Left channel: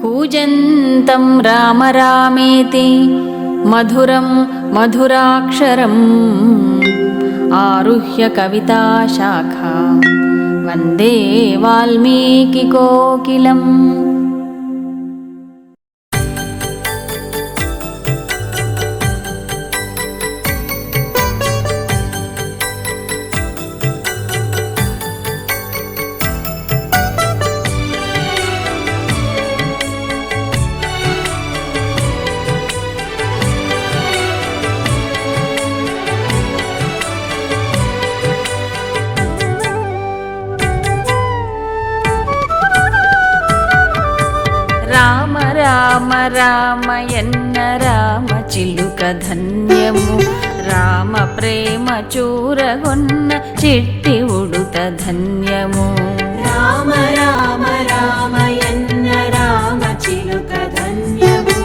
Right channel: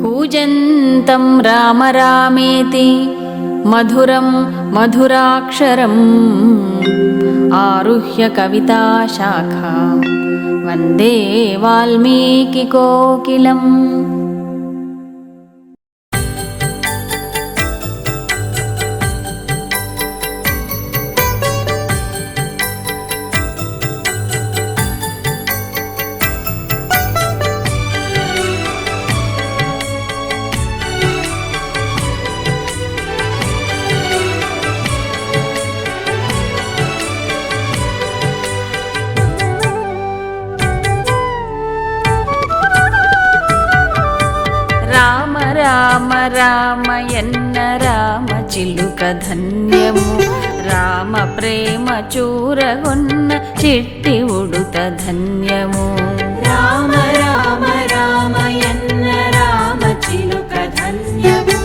कूजन्तं राम रामेति मधुरं मधुराक्षरम् आरुह्य कविताशाखां वन्दे वाल्मीकिकोकिलम्। రామ రామ రామయన్న రామ చిలుక ధన్యము, రామ ప్రేమ చూరగొన్న చిట్టి ఉడుత ధన్యము। రామ రామ రామయన్న రామ చిలుక ధన్యము,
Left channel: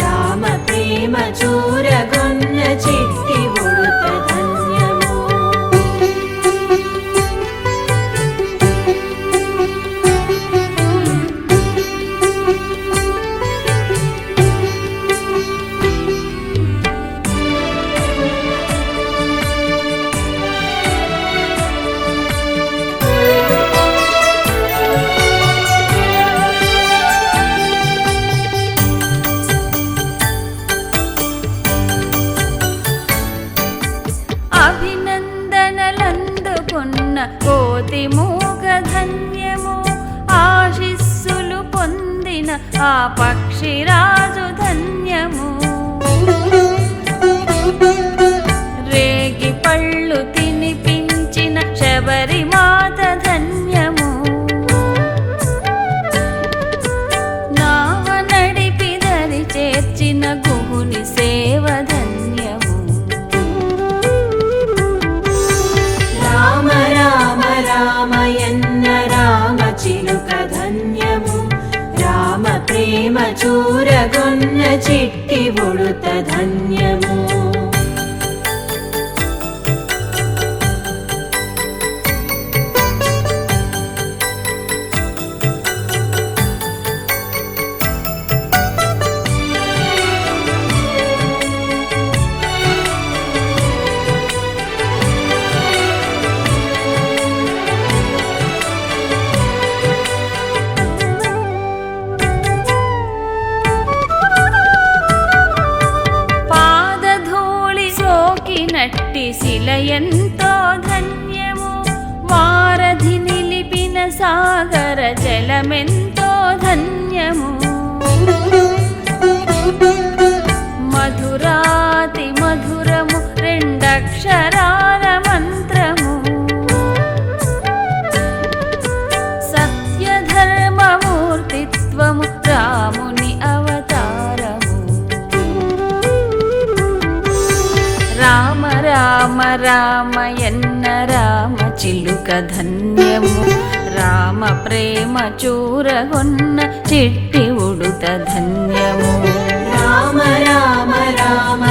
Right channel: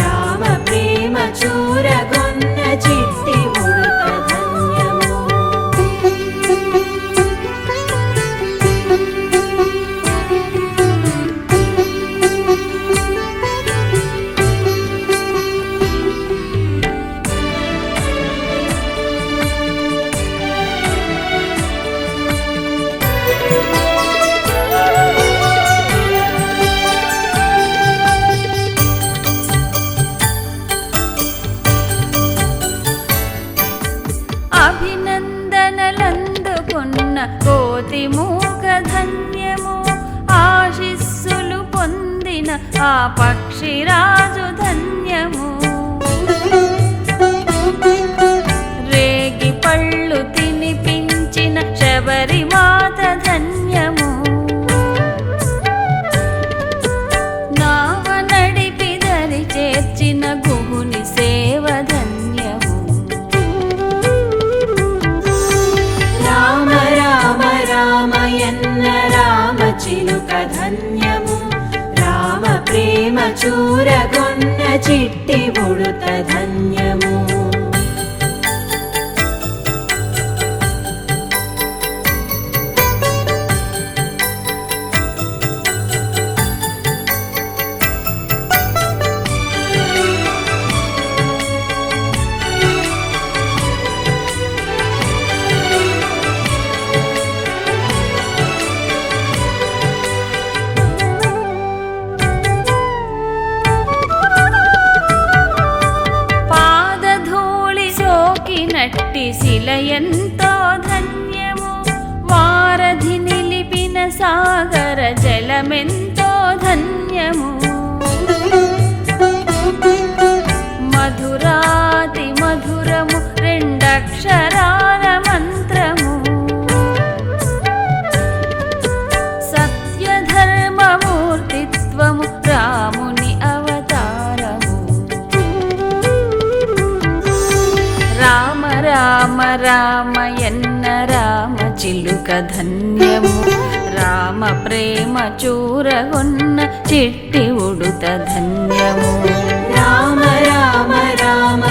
రామ ప్రేమ చూరగొన్న చిట్టి ఉడుత ధన్యము। అభినందనలందుకున్న కోతి మూగ ధన్యము, ఆశిస్సులు పొందిన ఆ పక్షిరాజు ధన్యము। రేగి పళ్ళు తినిపించిన శబరిమాత ధన్యము, నావ నడిపి దరి చేర్చిన గుహుని సేవ ధన్యము। రామ రామ రామయన్న రామ చిలుక ధన్యము, రామ ప్రేమ చూరగొన్న చిట్టి ఉడుత ధన్యము। నట్టి శిల ఎంతో ధన్యము, వారధి నిలిపిన సాగర జలమెంతో ధన్యము। మధురాతి మధురము రెండక్షరాల మంత్రము, సత్యధర్మమూర్తిత్వము రాముని అవతారము। రామ రామ రామయన్న రామ చిలుక ధన్యము, రామ ప్రేమ చూరగొన్న చిట్టి ఉడుత ధన్యము। రామ రామ రామ